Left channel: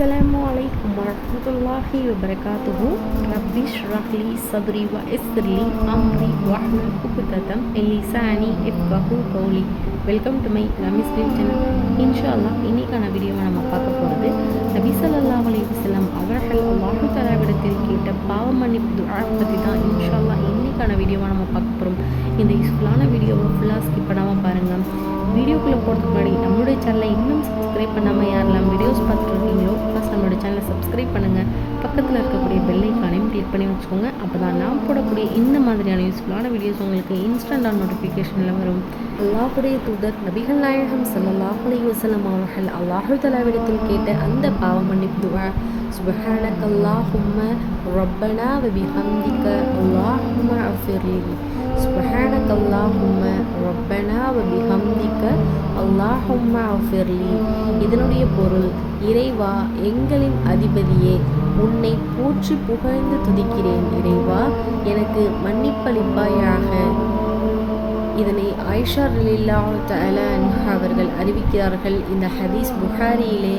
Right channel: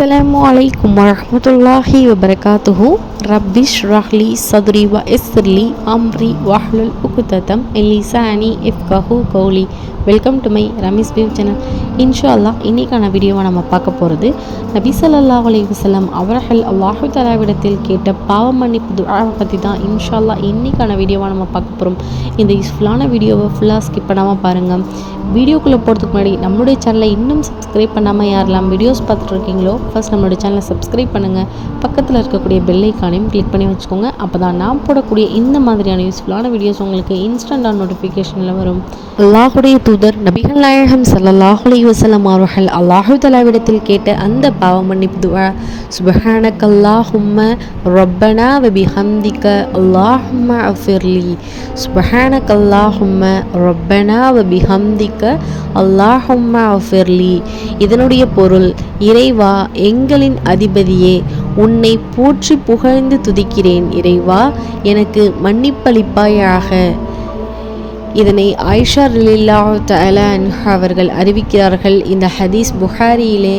அஸ்லாம் வலைக்கும் வரமத்துல்லாஹி வபரகாத்துஹு ரப்பிஷ் ரஹ்லி சதுரி வ எஸ்லி அம்ரி வஹ்லுல் உகுததம் எலிசானி இஃப்கஹு கௌலி welcome to my Ramesh view channel இன்ஷா அல்லாஹ் இன்றைக்கான வீடியோவை நம்ம பார்க்க போகிறது நபி சல்லா அலைஹி வஸல்லம் அவர்கள் அல்லாஹு தலாவிடத்தில் கேட்ட பாவ மன்னிப்பு துஆவை பற்றி தான் இன்ஷா அல்லாஹ் இன்றைக்கான வீடியோவை நம்ம பார்க்க போகிறோம் இந்த யூஸ்ஃபுல்லான வீடியோவை ஃபுல்லாக ஸ்கிப் பண்ணாமல் பாருங்கள் வீடியோக்குள்ளே போகிறதுக்கு முன்னாடி நம்மளுடைய சேனலை இன்னும் சப்ஸ்கிரைப் பண்ணாமல் யாரெல்லாம் வீடியோஸ் பார்த்துட்டு இருக்கீங்களோ ஃபஸ்ட் நம்மளுடைய சேனலை சப்ஸ்கிரைப் பண்ணுங்கள் பக்கத்தில் இருக்கக்கூடிய பெல்லைக்கானையும் கிளிக் பண்ணி வச்சுக்கோங்க. அப்போ தான் நான் போடக்கூடிய இந்த மாதிரியான யூஸ்ஃபுல்லான வீடியோஸ் உங்களுக்கு இன்ஸ்டண்ட்டாக நோட்டிஃபிகேஷனில் வரும். அல்லாஹுடைய தூதர் நபிகள் நாயகம் ஸல்லல்லாஹு அலைஹி வஸல்லம் அவர்கள் அல்லாஹு தலாவிடத்தில் கேட்ட அந்த பாவ மன்னிப்பு துவா சுபஹானக அல்லாஹும்ம ரப்பனா வபி பிஹம்திக அல்லாஹும்ம அஃபிர்லி சுபஹானக அல்லாஹும்ம ரப்பனா வபி பிஹம்திக அல்லாஹும்ம அஃபிர்லி. இதனுடைய பொருள் இறைவா எங்களின் அதிபதியே உன்னை போற்றி புகழ்ந்து துதிக்கிறேன் இறைவா எனக்கு மன்னிப்பளிப்பாயாக. இதனை ஆயிஷா ரிலில்லா தலான் அவர்கள் அறிவிக்கிறார்கள் இந்த ஹதீஸ் புகாரியிலே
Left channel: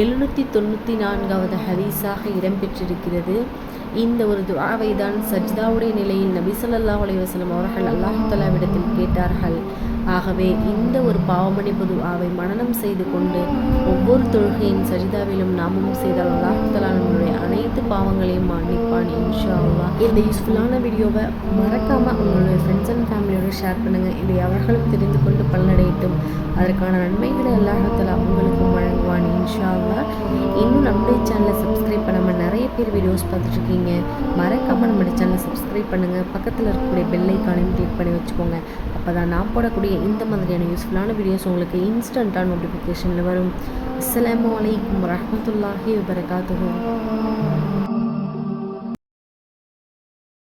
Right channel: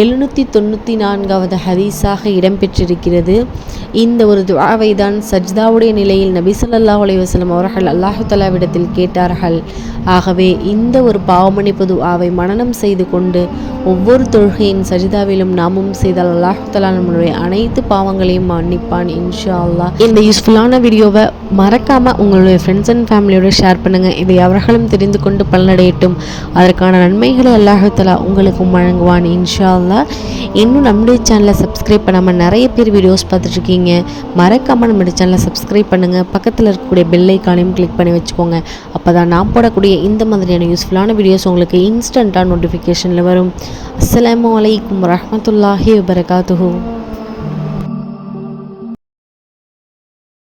எழுநூற்றி தொண்ணூற்றி நான்காவது ஹதீஸாக இடம்பெற்றிருக்கிறது. இந்த ஒரு துவாவை தான் சஜ்தாவுடைய நிலையில் நபி சொல்லல்லா அலைவாஸ்லம் அவர்கள் அல்லாஹு தலாவிடத்தில் கேட்டார்கள். ஆகவே இந்த ஒரு பாவமணிப்பு துவாவை மனனம் செய்து கொண்டு ஒவ்வொரு தொழுகையின் சஜிதாவிலும் நாமும் செய்தால் அல்லாஹு தலா நம்மளுடைய அனைத்து பாவங்களையும் மன்னிப்பான் இன்ஷா அல்லாஹ் இந்த யூஸ்ஃபுல்லான வீடியோவை மறக்காமல் உங்களுடைய ஃப்ரெண்ட்ஸ் அண்ட் ஃபேமிலியோட ஷேர் பண்ணுங்கள் இதை அவர்களும் தெரிந்து கொண்டு பலனடையட்டும். அதற்கான நன்மைகளை அல்லாஹு தலா உங்களுக்கும் வழங்குவான் இன்ஷா அல்லாஹ் இன்னும் நம்முடைய சேனலை சப்ஸ்கிரைப் பண்ணாமல் நிறைய பேர் வீடியோஸ் பார்த்துட்ருக்கீங்க மறக்காமல் நம்முடைய சேனலை சப்ஸ்கிரைப் பண்ணுங்கள் பக்கத்தில் இருக்கக்கூடிய பெல்லை ஐக்கானையும் கிளிக் பண்ணி வச்சுக்கோங்க. அப்போ தான் நான் போடக்கூடிய இந்த மாதிரியான யூஸ்ஃபுல்லான வீடியோஸ் உங்களுக்கு இன்ஸ்டண்ட்டாக நோட்டிஃபிகேஷனில் வரும். அஸ்லாம் வலைக்கம் வரமத்துல்லாஹி வபரகாத்துஹு.